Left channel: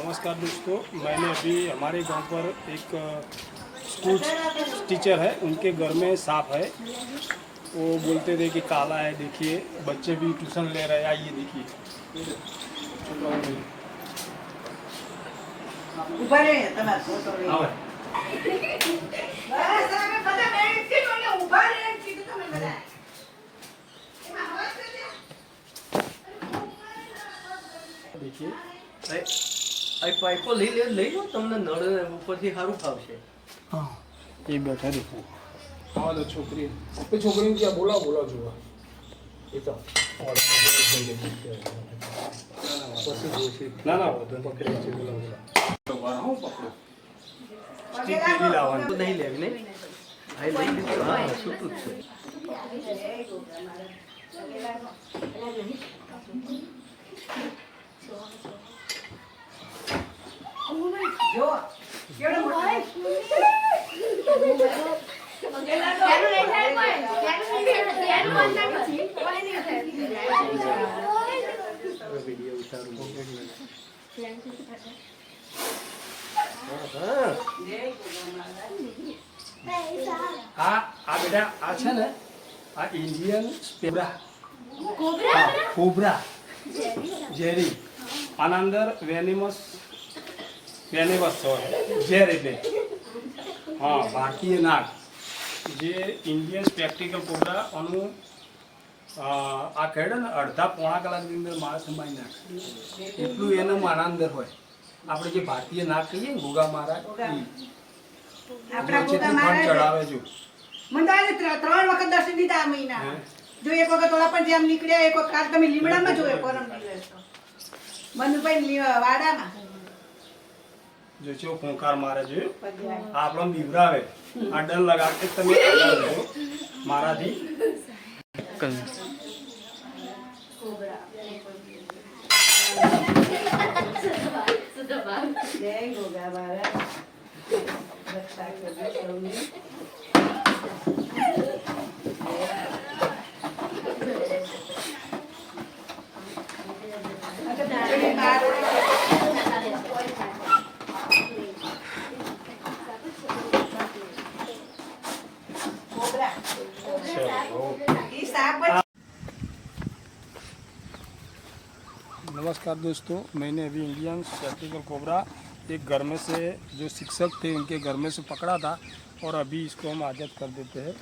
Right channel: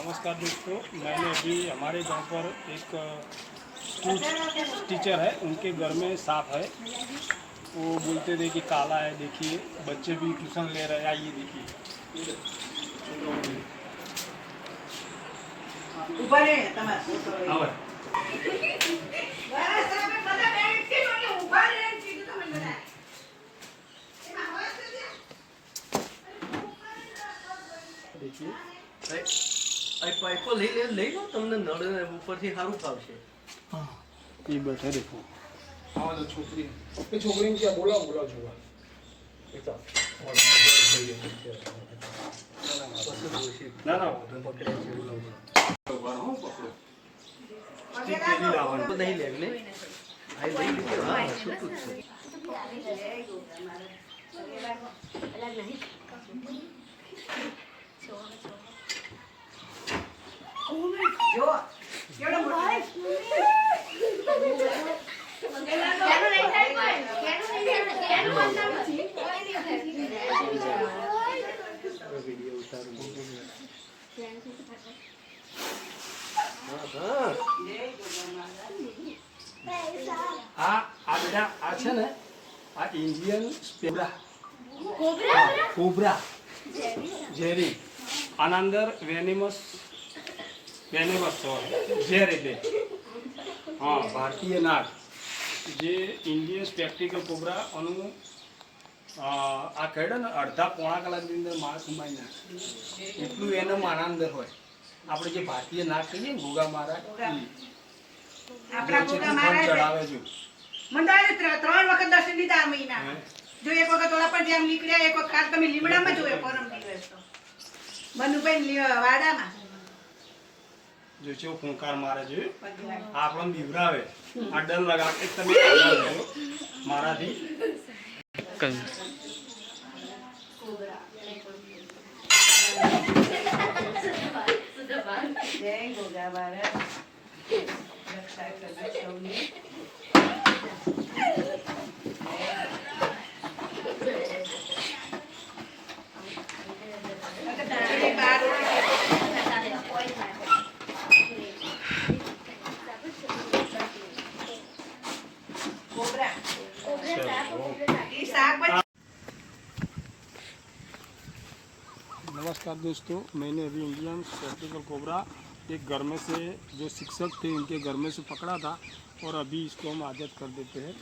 नमस्कार दोस्तों, मैंने अभी हमारे गांव पर एक स्कूल टीचर है, उनके घर में सांप है। वो बोलते थे कि काला है। देखिए बच्चे भी ट्यूशन ले रहे हैं, आइए देखिए। ऊपर है તમાર ફોટો લઈ આવે બસ હવે બધા બેઠ કે મને ઊભા રહે એમ કીધું તમે બધા એમાં અવાજ તો દે देखिए આ પાઇપો લઈ લો તમને નળ ઉપરથી સારું ફાવશે। हाँ ये बैठा देखो। हाँ तो छोकरी छोकरी क्या बोला जोगा ये तो ना ना पकड़े से बोला हूँ पकड़ो પગે तेरी લાગો लावन તો નહીં લેવ ને આ લઈ લીધું હા છૂટું જ છે। પગે લાગો જો કેવડો મોટો પગે લાગો વિડિયો ઉતારું હા જય ગોગા આ બેટા આ છે ને આ ઇન્ડિયન કોબરા ઝેરી આના અંદર વેનિમસ હોય ઝેર એટલે હા ભારતીય નાગ જે ઇન્ડિયન સ્પેક્ટિકલ કોબરા આનું આ કહેડે ને અડધા પોણા કલાકની અંદર માણસ મારી નાખે એટલું એનો આના અંદર હોય। આપણે જે ભારતીય નાગ કહીએ ને ગોગા મહારાજ આપણા ગોગા ચડાવે મહારાજ જો મંડાલે 3 વખત દર્શન દીધા આ મહિના જો એક વખત ઓલા પણ જેમ નીકળ્યા એક વખત કાલ તમે લીમડામાં જોયો પરમ દિવસ તો મનુભાઈ વાડામાં જો છે ફોંકાર મારે છે આપણને બીવરાવે આ ડર લગા કે તમે આગળ જો મારાથી જય ગોગા મહારાજ રક્ષા કરજો સૌની नमस्कार दोस्तों, मैंने अभी इंडियन स्पेक्टिकल कोबरा एक घर में से जो शिक्षक थे उनके घर में से पकड़ा था और अभी इसको हम आज़ाद कर देते हैं।